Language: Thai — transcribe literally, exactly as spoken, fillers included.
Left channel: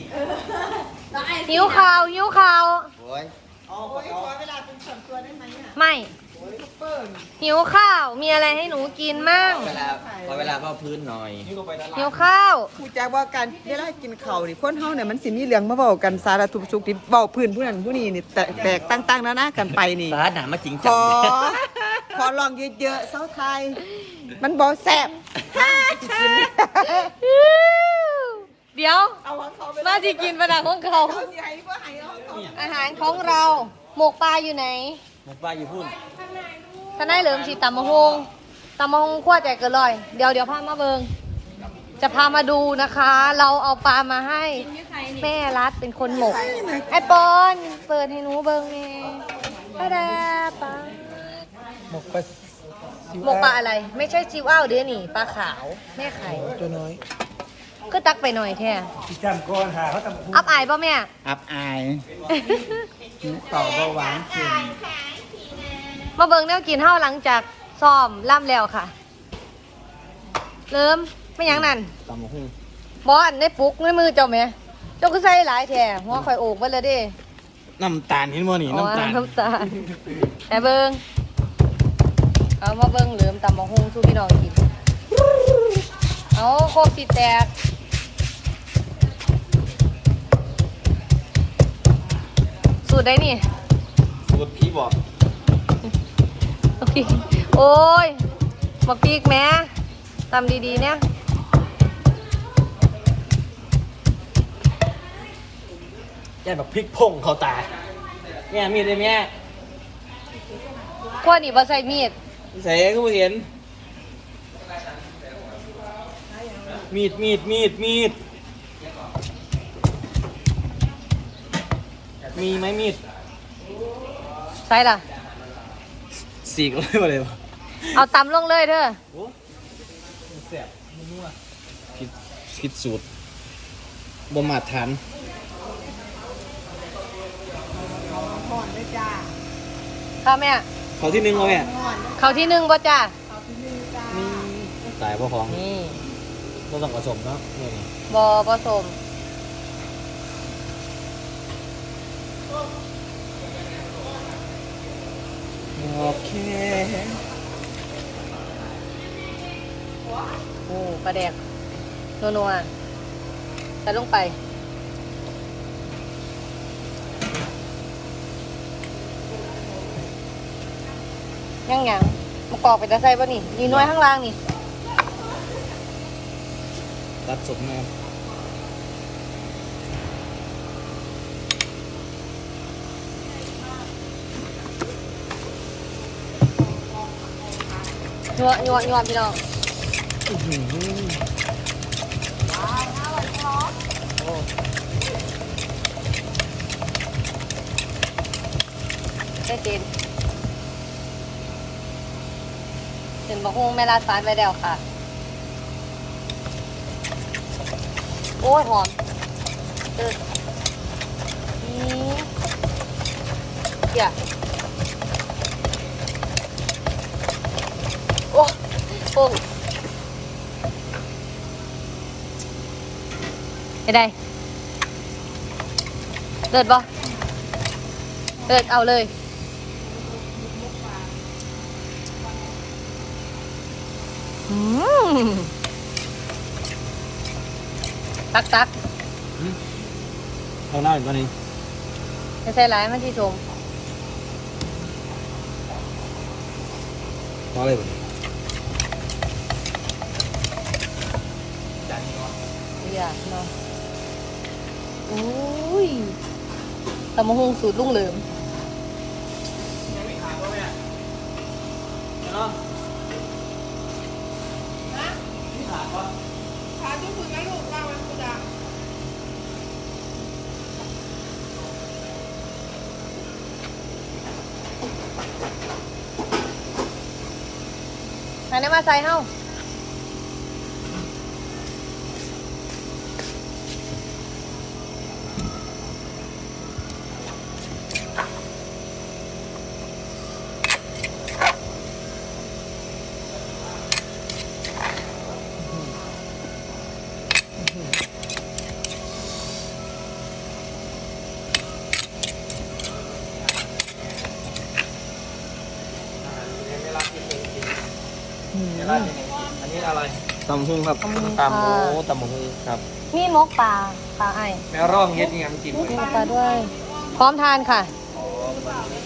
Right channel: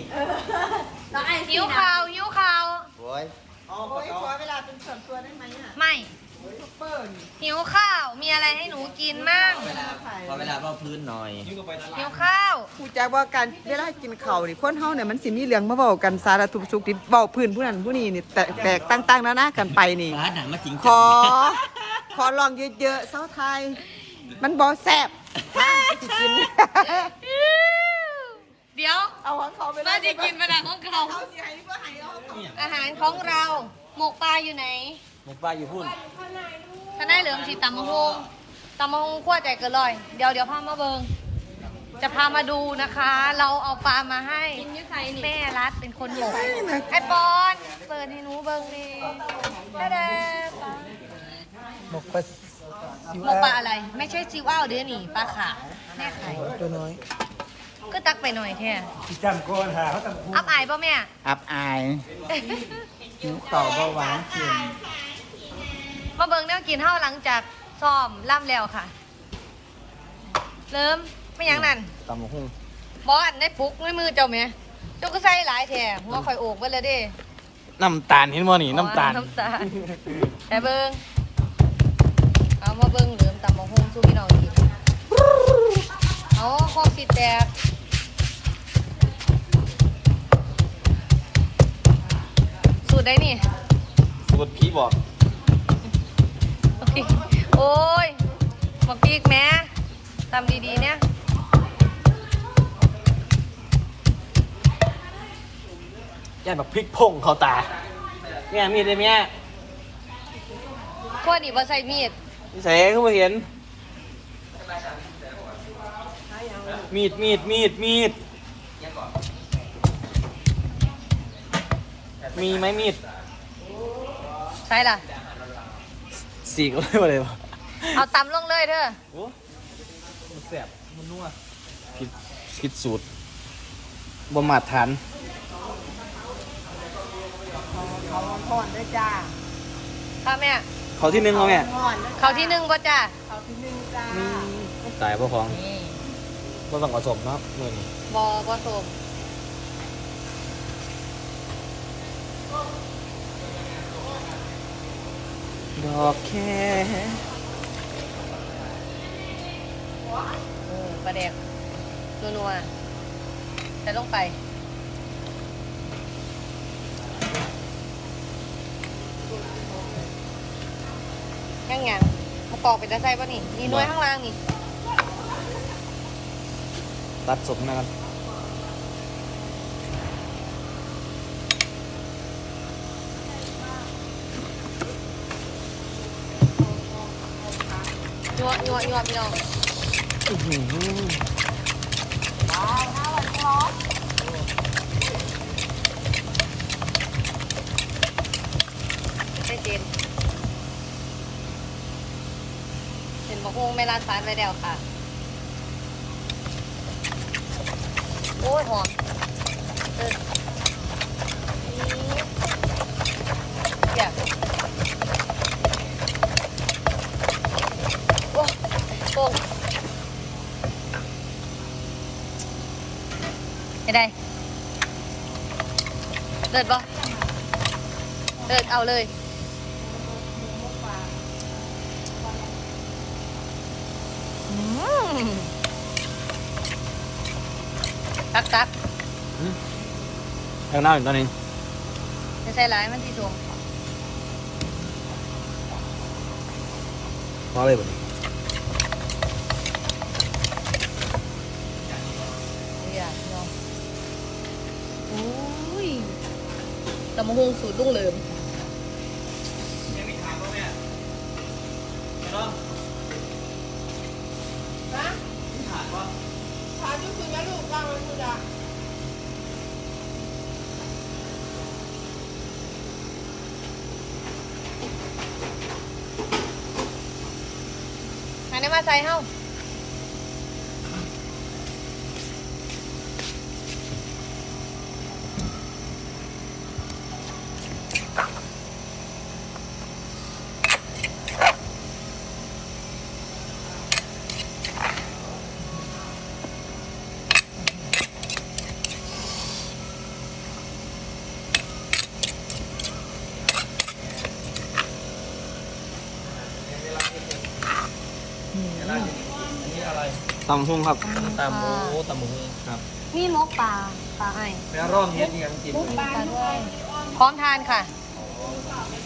หิวข่าวหิวข่าวโอ้ยโอ้ยขอเวลาเป็นส่วนตัวได้ไหมอ่ะไม่เปิ้ลหิวข้าวมีอะไรให้หนูกินมั่งเวลาขอเวลาเพื่อพื้นหน่อยหิวข้าวผู้แจ้งว่าการเวลากินข้าวนี่คนเฮาเนี่ยมันสิมีเรื่องมาเว้ากันสารทุกข์สุขดิบเว้าพื้นผู้นั้นผู้นี้นี่แตกแตกต่างๆนานากันไปนี่ร้านหนามาจริงขจังอ ขอลองเยอะๆเซาไทย มันบ่แซ่บนะสิกินเดี๋ยวเอาของเขาไปมาสิกินประดังของเขาเขาสิให้บ่ให้เอาของเขาอาหารของเรา หมกปลาอยู่ไหนหมกปลาอยู่พุ่นท่านได้เหลิมสีตำมะฮงตำมะฮงขั้วใจเกินลอย เดี๋ยวเดี๋ยวพามาเบิงจะพามาดูนะคะ เราเอาปลามาให้แม่รัดเป็นคนหมกไอปอนเปิดให้หนูเบิงเองตาดาปลาหมกปลาหมกปลาอะไร ไม่ใช่ซิวอ้าวเดี๋ยวนี่ปลาขาวแม่ไข่ตัวน้อยก็ตักไปหน่อยแค่พี่จำก่อนหาเขาตำพูอับอายป่ะแม่อับอายหิวข้าวเบาหวานเค็มมาเบิงแนวกินเท่าหลังจากซ้อมล่ำแล้วค่ะเริ่มไม่ยังนั่นตำบักหุ่งบอสในปุกในมือเจ้าแม่เจ้าก็ใส่หลายแถหัวข่อยโอกไปเลยเดิน้ำตาลเห็นบ่นี่น้ำตาลน้ำตาลแต่เบิงเอามาเบิงเหลือมตำมะฮุงสู้พี่น้องกินเอาโคตรปิดแตกสูตรได้นี่สูตรพี่บอกโอ้ยมาปีกแม่ทำดีๆเนี่ยย่านแบบพริกพงเขาตาเนี่ยมีดเลยแม่พวกนี้บ่ใส่มีดใส่เข้ามาเห็น มีดมีดมีดมีดมีไหมมีดใส่ล่ะสีก็ไม่มาเลยวะเอาตำลงเลยเด้อโอ้มันแสบมันนัวคิดคิดสูตรบ่มาทานเขาก่อนด้วยจ้าเข้าแม่เขาที่หนึ่งเขาแม่ก่อนด้วยเขาที่หนึ่งบ่จ้าเขาที่หนึ่งจ้าตายเพราะของนี่บ่ต้องผสมเนาะเมื่อนี้บ่ผสมดอกแค่หมูปลาแดกนัวๆใส่ลงไปยังไงมาปอกไปจะใส่ป่ะนี่มีน้อยข้างล่างนี่ตัดสมนะครับนัวนัวนัวพี่น้องได้เต็มเห็นมะฮุงแม่ลาดฟ้านไว้แล้วค่ะ โอ้ยหอมเออนี่เดี๋ยวโอ้โอ้ไปได้เลิศปะเลิศเอาเลยอืมตักตักทางหน้าอีกตอนนี้ไม่ใช่ร้ายมันที่ชมพอเลยบ่นี้อยากมาอุ้ยตำมะฮงสูตรลุงเหลิมขาจุ๊บคุณนะลูกว่ามันคุณอ่ะไหนได้มาใส่เฮ้าตำหุ้งครับตำหมูตำหมูครับนี่มกปลาปลาไอ้แม่ร่องเย็ดยังกินมกปลาด้วย พร้อมทานค่ะ